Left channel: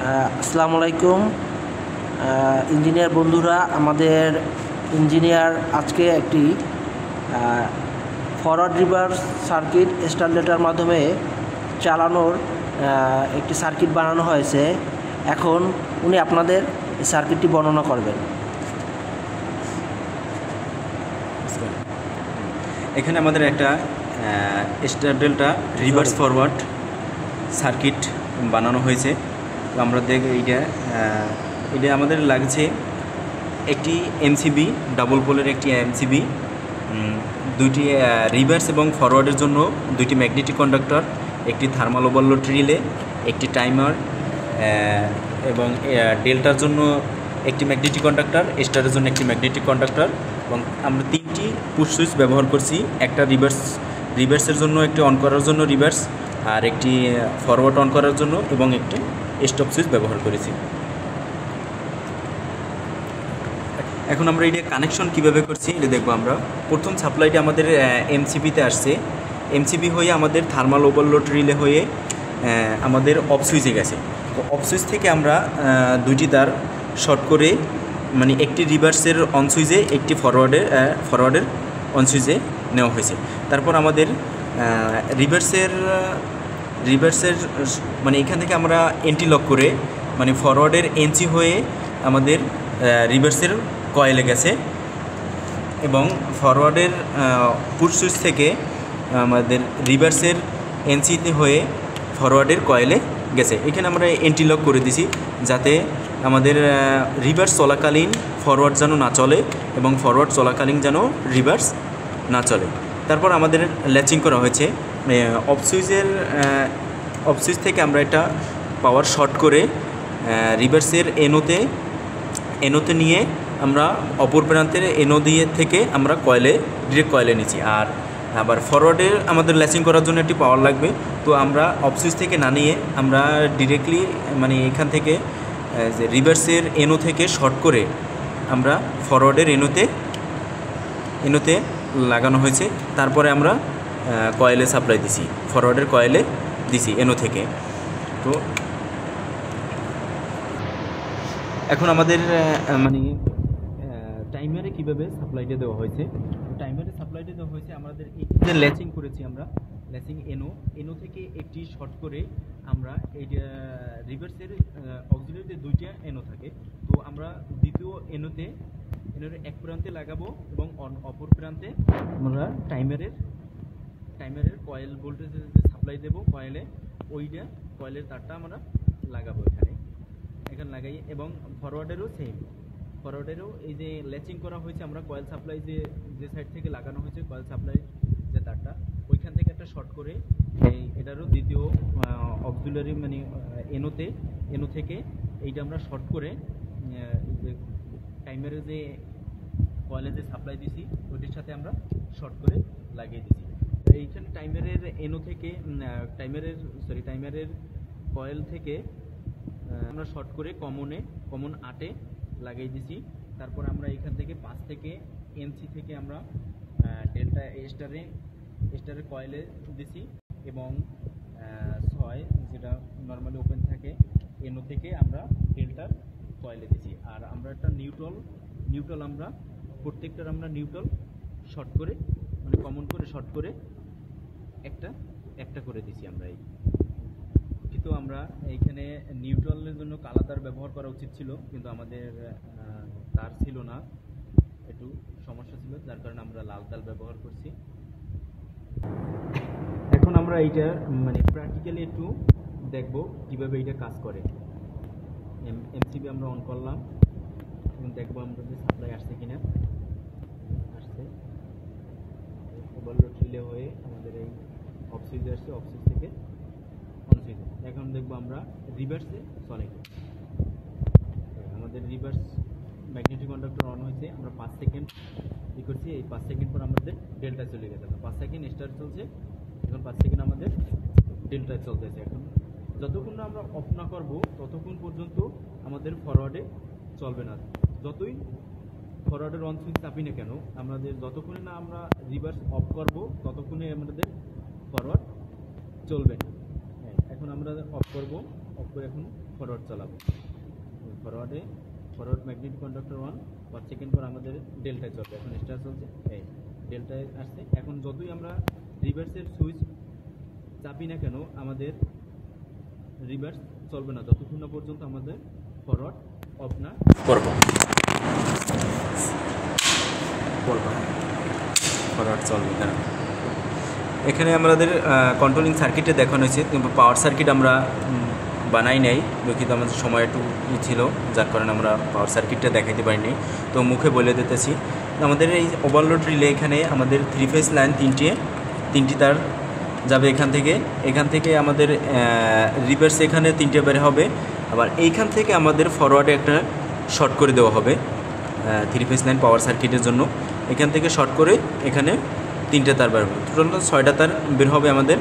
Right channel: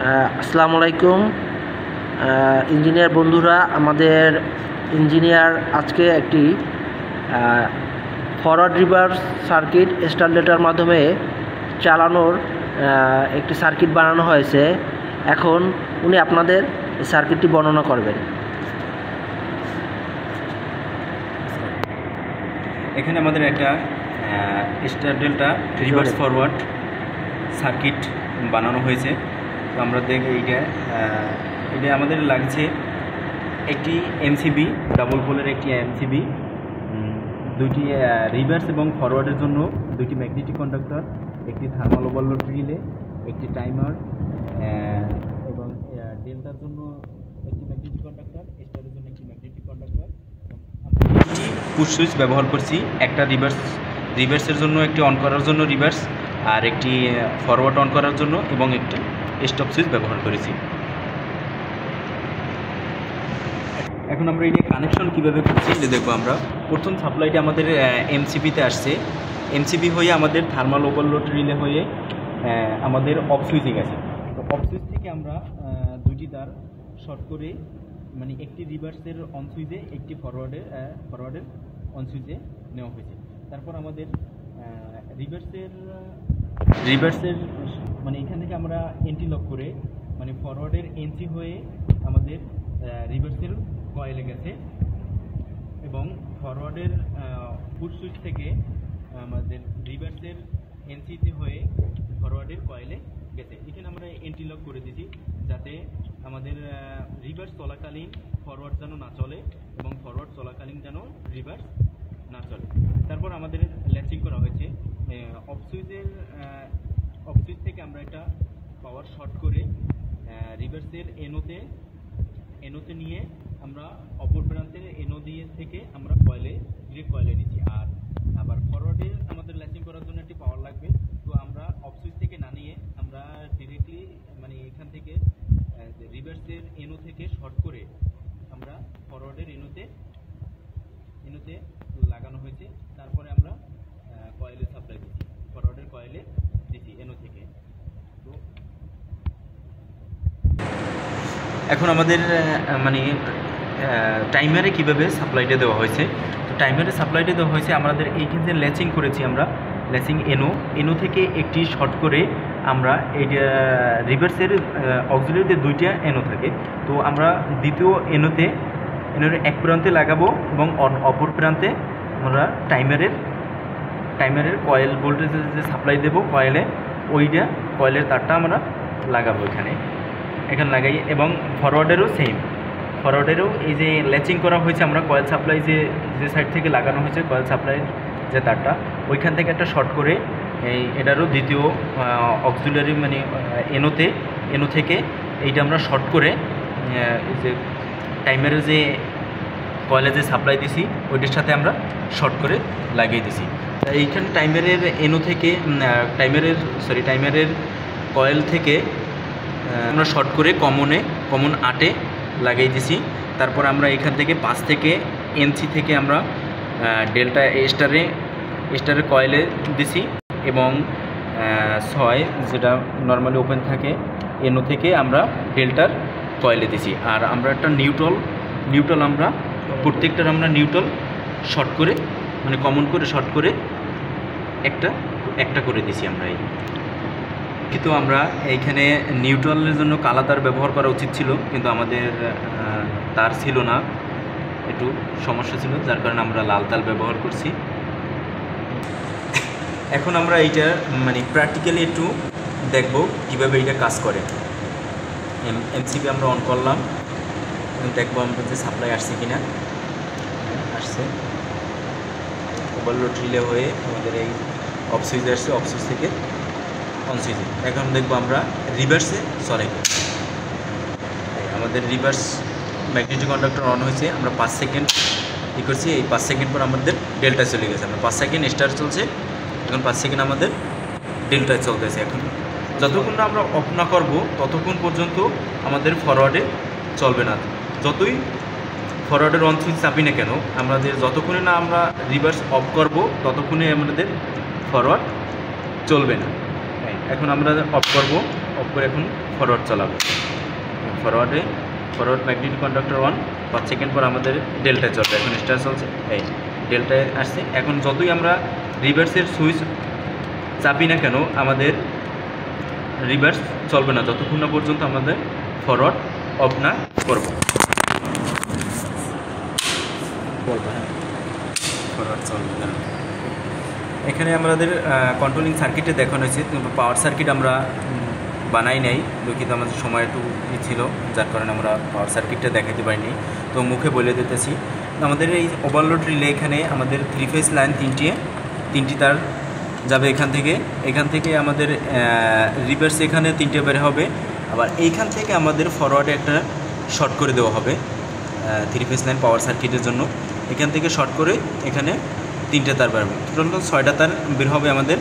আসসালামু আলাইকুম ইঞ্জিনিয়ার বন্ধুরা। আমাদের ইঞ্জিনিয়ার আজকে একটি ফরওয়ার্ড রিভার্স সার্কিট স্টারলেটার মাধ্যমে চালানোর একটি সার্কিট বানানো হয়েছে। এখন উনি আপনাদের এই সার্কিটটি বর্ণনা করবেন। এখানে আমাদের একটা star delta reverse forward circuit বানানো হয়েছে। তো আমরা দেখ এটা আমাদের লাগছে একটি এমসিবি, ডাবল পোলের একটি এমসিবি, দুইটি রিভার্স এবং ফরওয়ার্ডের জন্য দুইটি ম্যাগনেটিক কন্ডাক্টর, একটি থার্মাল ওভারলোড রিলে, একটি টাইমার এবং ডেল্টার জন্য একটি ম্যাগনেটিক কন্ডাক্টর, স্টারের জন্য একটি ম্যাগনেটিক কন্ডাক্টর। এবং আমরা তিনটি পুশ সুইচ ব্যবহার করছি, একটা রিভার্সের জন্য, একটি অন করার জন্য রিভার্স, আর একটি ফরওয়ার্ড অন করার জন্য, এবং একটা স্টপ সুইচ ব্যবহার করেছি। এখন আমরা এটা কানেকশন কীভাবে করছি এটা দেখবো। আমরা প্রথম সাপ্লাইটা আমাদের এমসিবিতে আসছে, এমসিবি হয়ে আমাদের থার্মাল ওভারলোড রিলে হয়ে আমাদের অফ সুইচে গেছে। তো অফ সুইচ থেকে আমরা দুইটি তার শর্ট করে, মানে একটি রিভার্সের অন সুইচে, একটি ফরওয়ার্ডের অন সুইচে নেওয়া হয়েছে। তারপর আমাদের রিভার্সের মানে এখান থেকে আমরা এন্টি লক করে, মানে ফরওয়ার্ডের এনসি হয়ে আমাদের রিভার্সের কয়েলে গেছে, এবং ফরওয়ার্ডের পুশ সুইচ থেকে আমাদের রিভার্সের এনসিতে হয়ে ফরওয়ার্ডের কয়েলে গেছে। এখানে আমরা এন্টি লক করে দিছি যাতে আমাদের রিভার্স চলাকালীন ফরওয়ার্ড যেন না চলে এবং ফরওয়ার্ড চলাকালীন যেন রিভার্স না চলে। তারপর আমাদের ল্যাচিং করা হয়েছে অফ সুইচ থেকে আমরা এটা পাওয়ার শর্ট করে রিভার্সের এনোতে নিয়ে আমরা অপর প্রান্তের এনো দিয়ে থেকে আমরা ডিরেক্ট কয়েলে নিচ্ছি। আর আবার ফরওয়ার্ডের আমাদের ল্যাচিং করার জন্য একটি পাওয়ার লাগবে। তো আমরা অফ সুইচ থেকে না নিয়ে আমরা ডিরেক্টলি, মানে এখান থেকে যে রিভার্সের এনো থেকে শর্ট করে আমরা ফরওয়ার্ডের এনোতে লাগানো হয়েছে। তারপরে আমরা কয়েলে সাপ্লাই দিছি, ফরওয়ার্ডের কয়েলে দিছি এনো থেকে। তো এখন আমাদের মানে টাইমারে কীভাবে সাপ্লাইটা দেওয়া হয়েছে। তো টাইমারে সাপ্লাইটা দেওয়া হয়েছে আমাদের এই যে ল্যাচিং করেছি, আমরা ল্যাচিং এনো থেকে একটি শর্ট করে আমরা এই রিভার্সের অক্সিলারিতে দুইটা এনো থাকে। তো আমরা দ্বিতীয় এনোর এক প্রান্তে লাগাবো এবং অপর প্রান্তে আমরা টাইমারের কয়েল ভোল্টেজ যে সাপ্লাই দেবো কয়েলের তারটা আমরা লাগাবো এখানে লাগাই। এবং ফরওয়ার্ডেরও সেম, ফরওয়ার্ডেরও এই যে ল্যাচিং করা হয়েছে, আমরা কয়েল সাপ্লাই যে সাইড থেকে লাগানো হয়েছে কয়েল সাপ্লাইয়ের যে তারটা, ওইখান থেকে একটা শর্ট করে এটারও দ্বিতীয় অক্সিলারি, মানে এনো থেকে এইটা আমরা শর্ট করে যে টাইমারের যে কয়েলে যে সাপ্লাই দিছি ওইটার সাথে আমরা শর্ট করে লাগিয়ে দিছি। এইখানে টাইমারের কয়েল থেকে আমরা শর্ট করে কমন 8 লাগিয়ে দিছি। তারপর আমরা এখান থেকে 5 থেকে এনসি থেকে আমরা ডেল্টা স্টারের কয়েলে দিছি, এবং 6 যেটা নর্মালি ওপেন থাকে এনো থেকে আমরা ডেল্টার কয়েলে দিছি। আর আমরা একটা নিউট্রাল আমরা প্রত্যেকটার আমরা নিউট্রাল শর্ট করে, মানে কমন করে শর্ট করে একটা করে দিছি আমরা। কিন্তু আমরা এইখানে নিউট্রালের জন্য কালা তার ব্যবহার করা উচিত ছিল, কিন্তু আমাদের তার ছিল না, একটু সমস্যা ছিল, যার কারণে আমরা লাল তার ব্যবহার করছি। এখন আমরা এইটা মানে প্র্যাকটিক্যালি একটু দেখব কীভাবে এইটা কাজ করে। এমসিবি আমরা অন করলাম, দেখবো আমরা যে সাপ্লাই আসছে কিনা। আসছে, ওভারলোড রিলে হয়ে আমাদের এই অফ সুইচ আসছে, অফ সুইচ থেকে অন সুইচে। এখন দেখবো আমরা রিভার্সে চলে, আমাদের রিভার্স ম্যাগনেটিক কন্ডাক্টর অন হয়েছে। আমরা 5 সেকেন্ড করছি, এই 5 সেকেন্ড পর আমাদের ডেল্টা চলে গেছে। আমরা 5 সেকেন্ড স্টার চলছে, এখন 5 সেকেন্ড আমাদের ডেল্টায় চলতেছে। এখন যতক্ষণ না আমরা অফ না করবো ততক্ষণ পর্যন্ত আমাদের ফরওয়ার্ডে চলবে না। যতই ফরওয়ার্ডের অন সুইচ চাপি না কেন, আমাদের যতক্ষণে না আমরা রিভার্স অফ করব ততক্ষণে আমাদের ফরওয়ার্ড চলবে না। এখন আমরা অফ করব, অফ করে এখন ফরওয়ার্ড চালাবে। ফরওয়ার্ড ম্যাগনেটিক কন্ডাক্টর 1, 5 সেকেন্ড পর আমাদের ডেল্টায় চলবে। এখন স্টার চলছে, এই ডেল্টায় আসছে। এখন যতই আমরা রিভার্সের সুইচ চাপি না কেন আমাদের রিভার্স চলবে না যতক্ষণ না পর্যন্ত আমাদের ফরওয়ার্ড অফ না করব। ফরওয়ার্ড চলবে না। এখানে আমাদের কন্ট্রোলিং সার্কিটে দেখানো হয়েছে, কিন্তু পাওয়ার সার্কিট আমরা বানাই নাই, দুঃখিত আমাদের সময় একটু ছিল, যার কারণে আমরা পাওয়ার সার্কিটটা দেখাতে পারিনি। তো মুখে বলে দিতেছি, আমাদের এই ওভারলোড রিলে এখানে আমাদের 3 ফেজ লাইন তিনটি তার যাবে এখান থেকে আমাদের রিভার্স এখানে 3টে বের হবে। আবার এইখান থেকে আমাদের ফরওয়ার্ডে একটা শর্ট করে দেওয়া হবে 3 ফেজ লাইন পাওয়ার সার্কিটের জন্য। এখান থেকে শর্ট করে এখানে 3টে তার বের হবে, টোটাল 6টা তার বের হবে আমাদের